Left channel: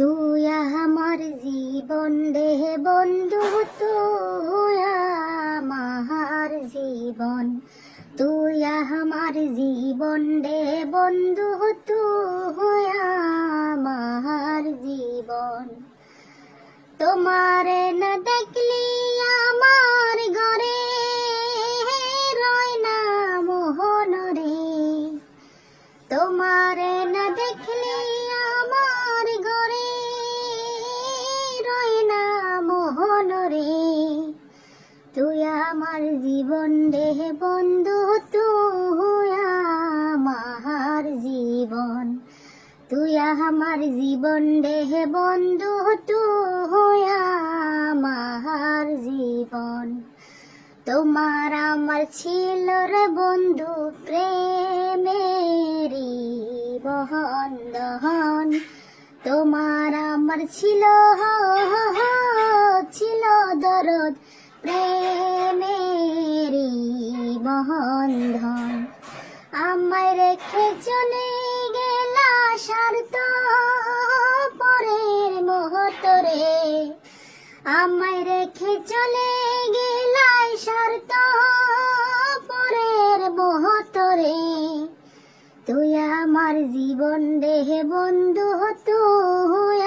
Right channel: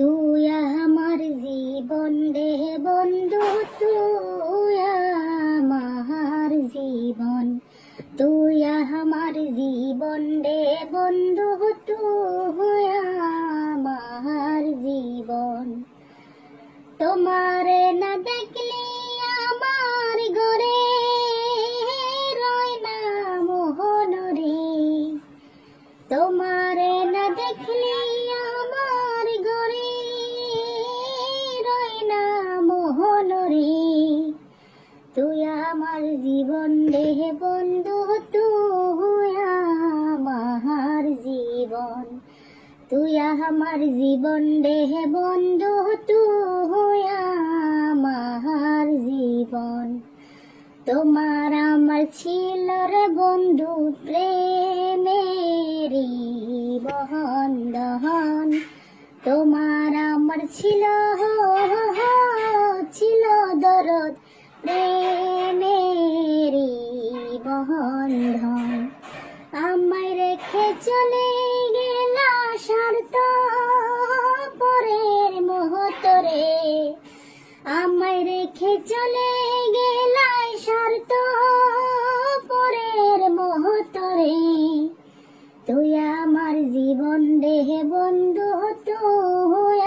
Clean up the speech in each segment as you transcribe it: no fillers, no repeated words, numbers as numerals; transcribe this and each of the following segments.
তুই আমার জীবন রে বন্ধু, তুই আমার জীবন, তুই আমার জীবন রে বন্ধু, তুই আমার জীবন। তোমারে না দেখলে আমার ঘরে রয় না মোহন রে, তোমারে না দেখলে আমার ঘরে রয় না মোহন রে। তুই আমার জীবন রে বন্ধু, তুই আমার জীবন, তুই আমার জীবন রে বন্ধু, তুই আমার জীবন। তোমার আমার ছিল রে বন্ধু প্রেমেরি বন্ধন, তোমার আমার ছিল দরদ প্রেমেরি বন্ধন। আমায় রেখে চলে গেলা স্বার্থ পরের মুহূর্তে, আমায় রেখে চলে গেলা স্বার্থ পরের মুহূর্তে। তুই আমার জীবন রে বন্ধু, তুই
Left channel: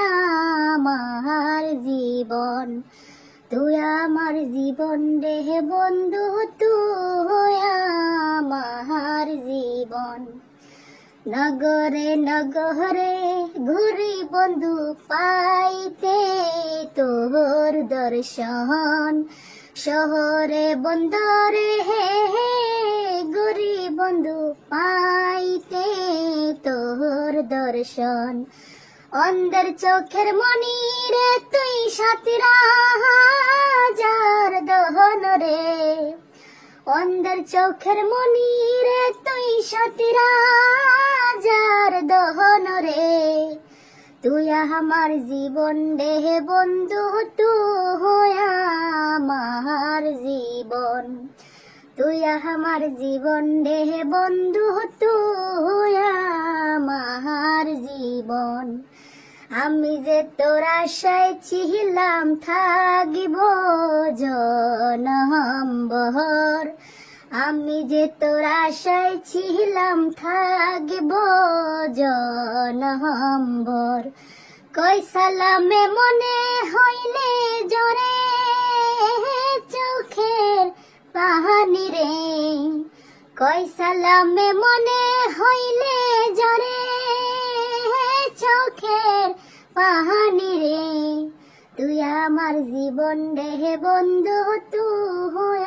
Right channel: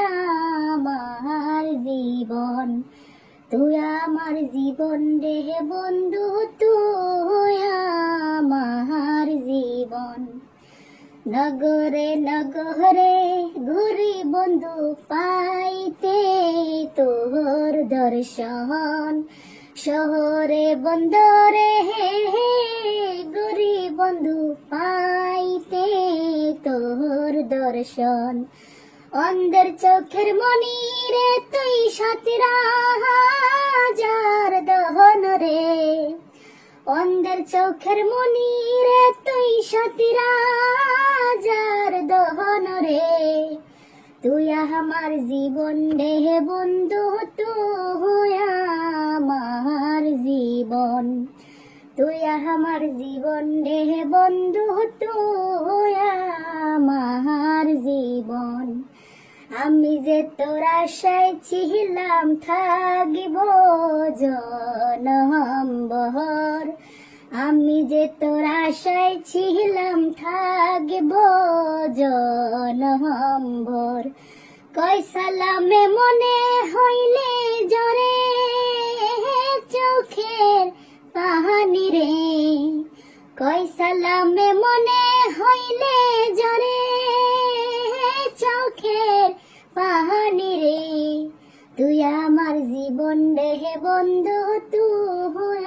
আমার জীবন, তুই আমার জীবন রে বন্ধু, তুই আমার জীবন। নগরে নগরে ঘুরি বন্ধু পাইতে তোর দর্শন, শহরে বন্দরে ঘুরি বন্ধু পাইতে তোর দর্শন। অন্ধের চোখের মনি রে তুই সাথীরা হাজার দহন রে, অন্ধের চোখের মনি রে তুই সাথীরা হাজার দহন রে। তুই আমার জীবন রে বন্ধু, তুই আমার জীবন, তুই আমার জীবন রে বন্ধু, তুই আমার জীবন। আমি যে তোর আশায় ছিলাম থাকিব জনমভর, আমি যে তোর আশায় ছিলাম থাকিব জনমভর। কই সালামে মনে হইলে জোরে চোখের পানি রে, কই সালামে মনে হইলে জোরে চোখের পানি রে। তুই আমার জীবন রে বন্ধু, তুই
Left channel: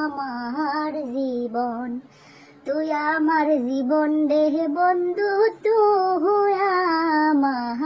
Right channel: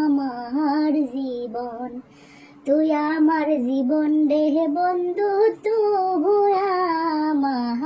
আমার জীবন, তুই আমার জীবন রে বন্ধু, তুই আমার